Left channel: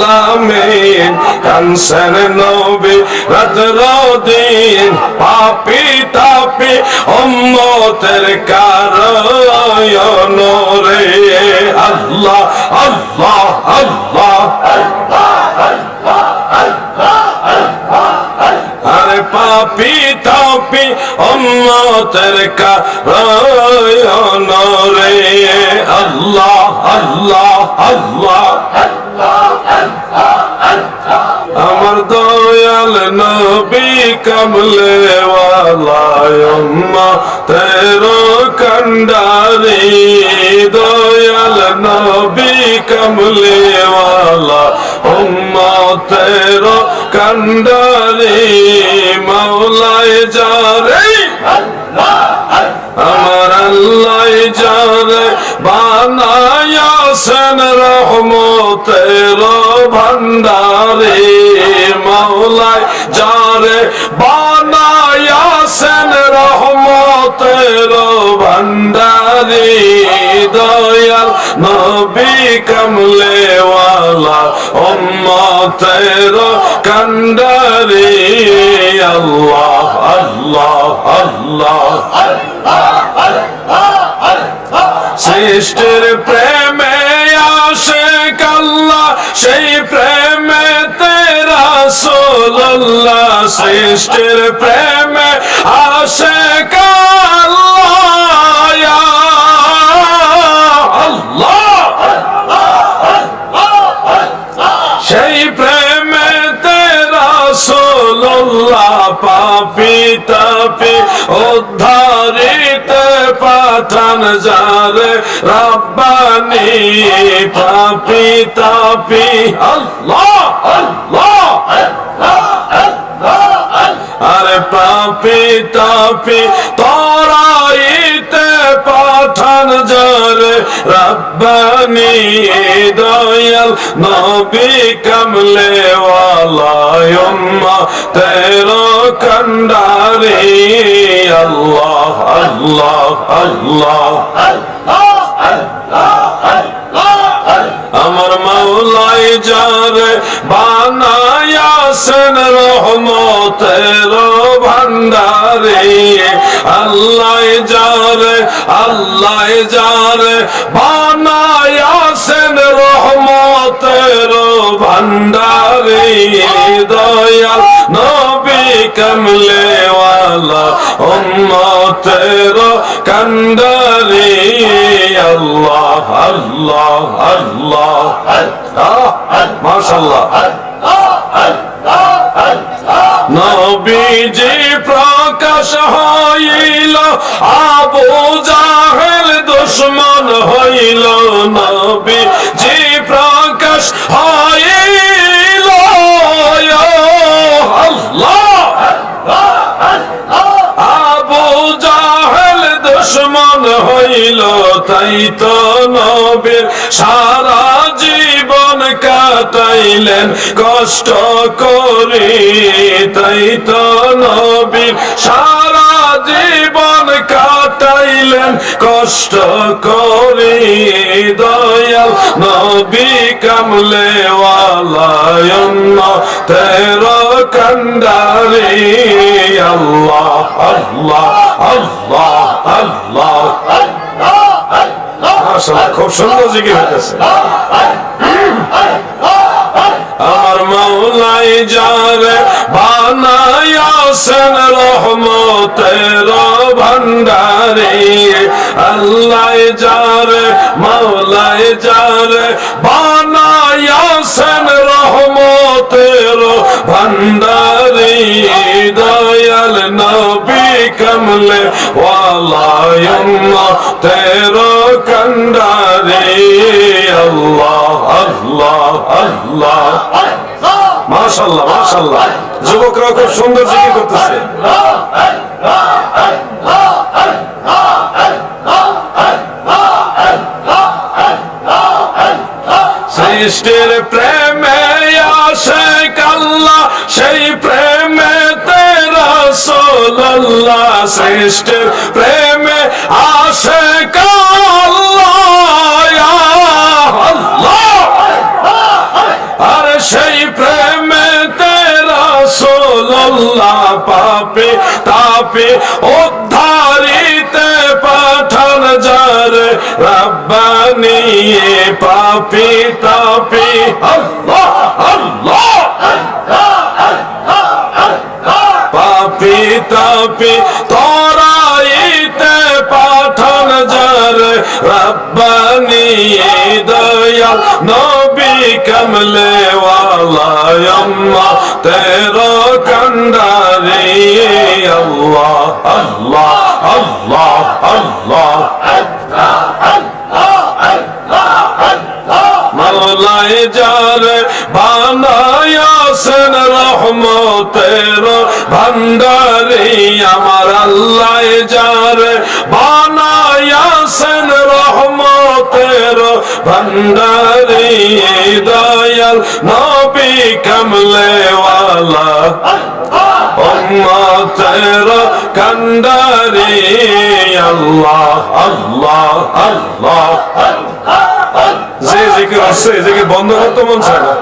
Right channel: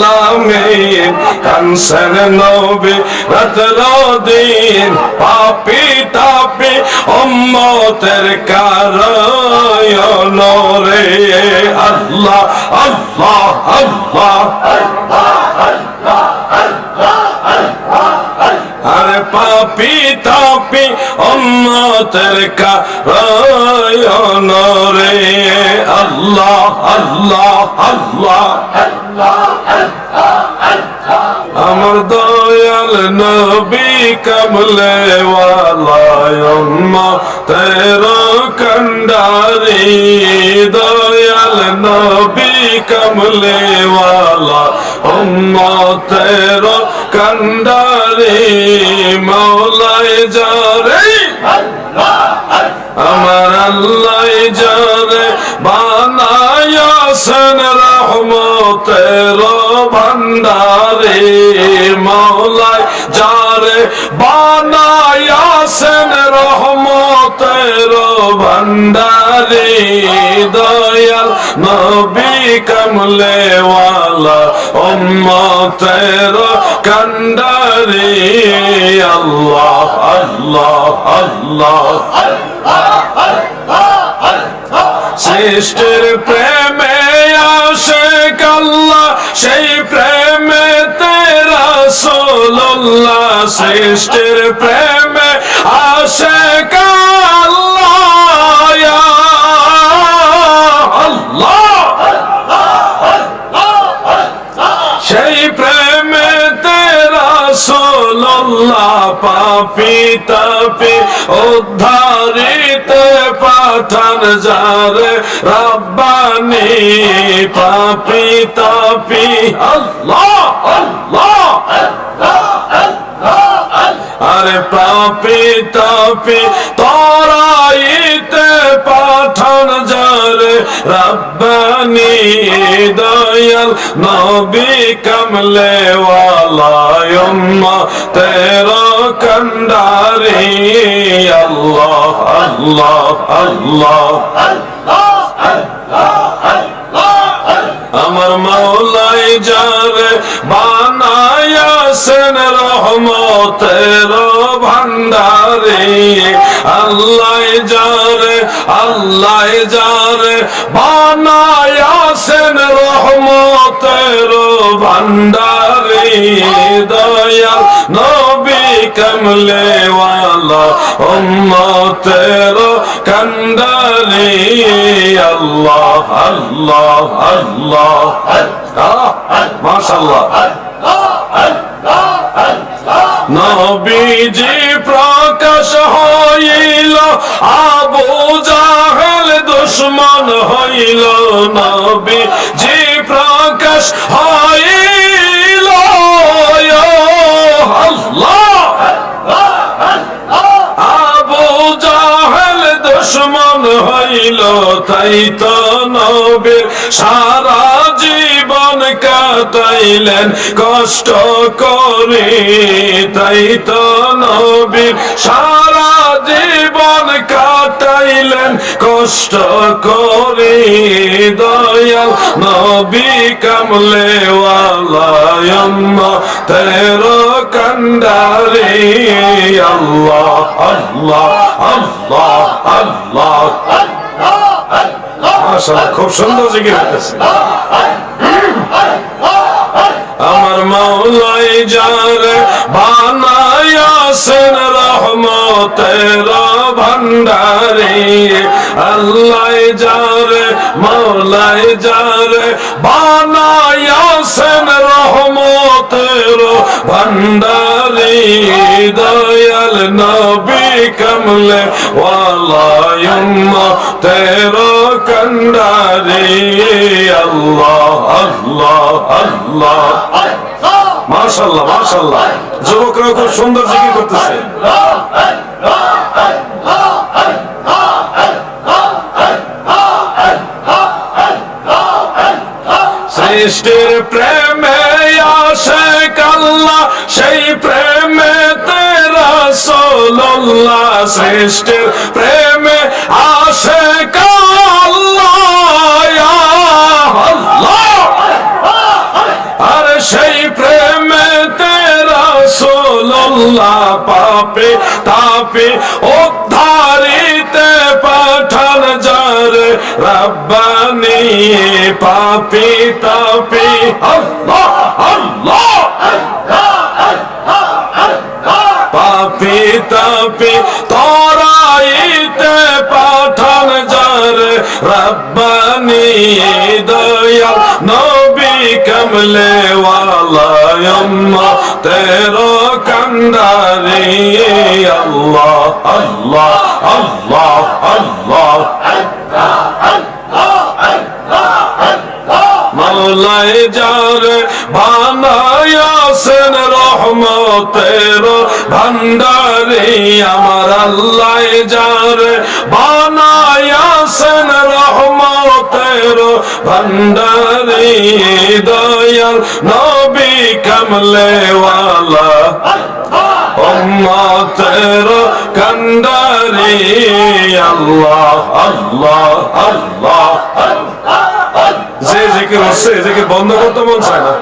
আলামিন কানসেন নবী রাত্র দিন পাপী তাপী উম্মতের কারণ রে আল্লাহ আল্লাহ আল্লাহ আরে পাপী তাপী উম্মতের কারণ রে আল্লাহ আল্লাহ আল্লাহ আমার দয়াল নবী কমলে ওয়ালা উম্মতের কান্ডারি দয়াল নবী কমলে ওয়ালা উম্মতের কান্ডারি মাওলাই যারে আমার আল্লাহ যারে বানায়াছেন রহমতের ভান্ডারে মাওলাই যারে বানায়াছেন রহমতের ভান্ডারে দয়াল নবী কমলে ওয়ালা উম্মতের কান্ডারে আল্লাহ আল্লাহ আল্লাহ সৃষ্টির প্রেমে আশিক আল্লাহ সেই প্রেমে রাসূলুল্লাহ সৃষ্টির প্রেমে আশিক আল্লাহ ইয়া আল্লাহ সেই প্রেমে রাসূলুল্লাহ পাপী তাপী উদ্ধারিতে পাঠান যারে রব্বানি পাপী তাপী আল্লাহ আল্লাহ আরে পাপী তাপী তরাইতে পাঠান যারে রব্বানি দয়াল নবী কমলে ওয়ালা উম্মতের কান্ডারি আল্লাহ আল্লাহ আল্লাহ আমার মাওলাই যারে বানায়াছেন রহমতের ভান্ডারে আল্লাহ যারে বানায়াছেন রহমতের ভান্ডারে দয়াল নবী কমলে ওয়ালা উম্মতের কান্ডারে আল্লাহ আল্লাহ আল্লাহ মাশাআল্লাহ নবীজি প্রকাশ হইল আবু জাহেল দুশমন হইল নবীজি প্রকাশ হইল আল্লাহ আবু জাহেল দুশমন হইল তাই তো নবীর সারা জীবন কাটাইলেন কষ্ট করে তাই তো নবীর সারা জীবন কাটাইলেন কষ্ট করে দয়াল নবী কমলে ওয়ালা উম্মতের কান্ডারে আল্লাহ আল্লাহ আল্লাহ আল্লাহ মাশাআল্লাহ খুব সুন্দর জিকির হইতেছে আমার মাওলাই যারে বানায়াছেন রহমতের ভান্ডারে আল্লাহ যারে মাওলাই যারে বানায়াছেন রহমতের ভান্ডারে দয়াল নবী কমলে ওয়ালা উম্মতের কান্ডারে আল্লাহ আল্লাহ আল্লাহ মাশাআল্লাহ মাশাআল্লাহ যুবকরা খুব সুন্দর জিকির করতেছে সৃষ্টির প্রেমে আশিক আল্লাহ সেই প্রেমে রাসূলুল্লাহ সৃষ্টির প্রেমে আশিক আল্লাহ ইয়া আল্লাহ আরে আল্লাহ পাপে তাপে উদ্ধারিতে পাঠান যারে রব্বানি পাপি তাপি আল্লাহ আল্লাহ পাপি তাপি তরাইতে পাঠান যারে রব্বানি দয়াল নবী কমলে ওয়ালা তেরো কান্ডারি আল্লাহ আল্লাহ আল্লাহ আল্লাহ মওলাই যারে বানায়াছেন রহমতের ভান্ডারি আমার আল্লাহ যারে বানায়াছেন রহমতের ভান্ডারি দয়াল নবী কমলে ওয়ালা উম্মতের কান্ডারি আল্লাহ আল্লাহ আল্লাহ যে জিকির হচ্ছে জিকির বন্ধ করতে মন চায় না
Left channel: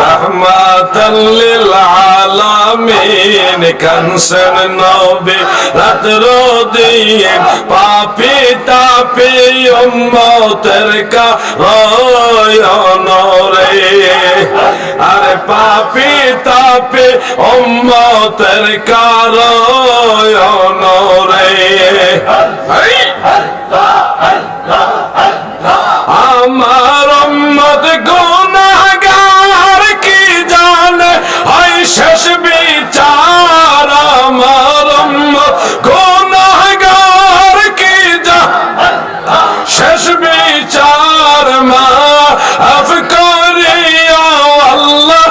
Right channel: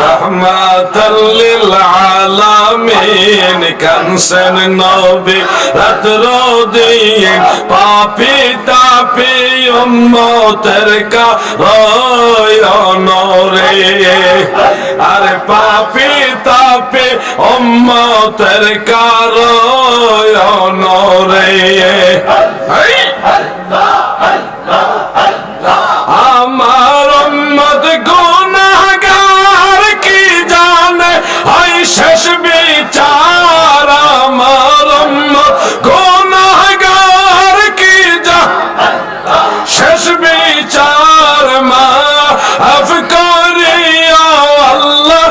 রহমাতাল লিল আলামিন কানসেন নবী রাত্র দিন পাপি তাপি উম্মতের কারণ রে আরে পাপি তাপি উম্মতের কারণ রে আমার উম্মত গুনাহগার কি জানে হয় শেষ বিচার আমার উম্মত গুনাহগার কি জানে শেষ বিচার মাফ করিয়া আল্লাহ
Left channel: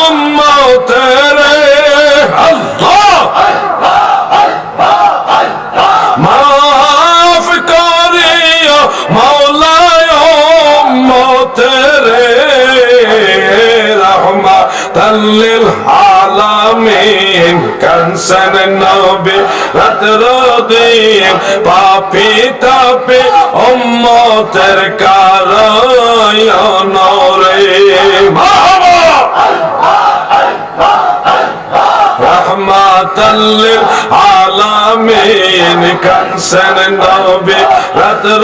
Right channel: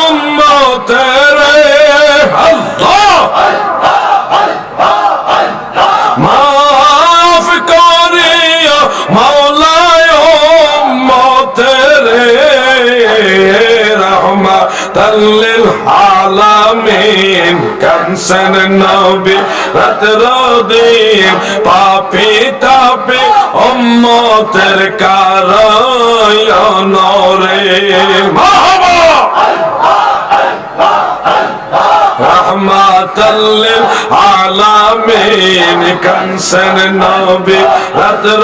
উম্মতের আল্লাহ মাফ করিয়া মাওলায় উম্মতের রহমাতাল লিল আলামিন কানসেন নবী রাত্র দিন পাপি তাপি উম্মতের কারণ রে মারহাবা রহমাতাল লিল আলামিন কানসেন নবী রাত্র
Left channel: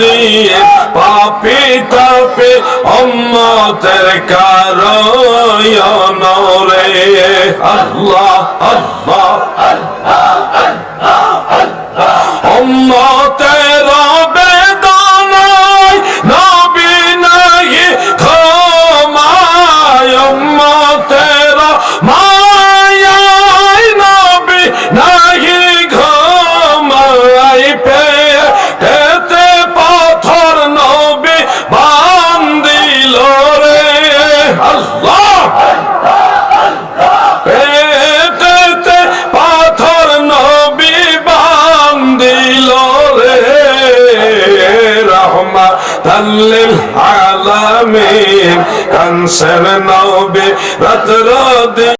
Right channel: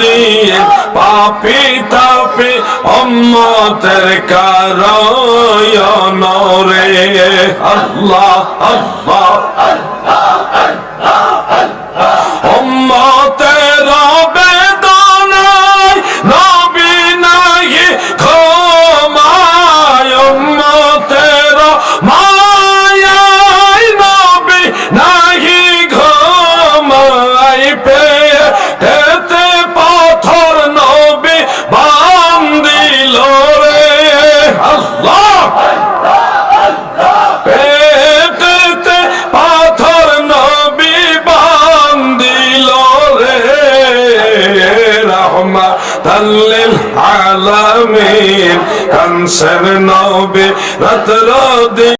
দিন পাপি তাপি উম্মতের কারণ রে আল্লাহ আল্লাহ উম্মতের বেদনায় নবী নাহি ঘুমায় উম্মতের মায়ায় নবী নাহি ঘুমায় পেটেতে পাথর নবী বান্ধিল রে আল্লাহ পেটেতে পাথর নবী বান্ধিল রে রহমাতাল লিল আলামিন কানসেন নবী রাত্র দিন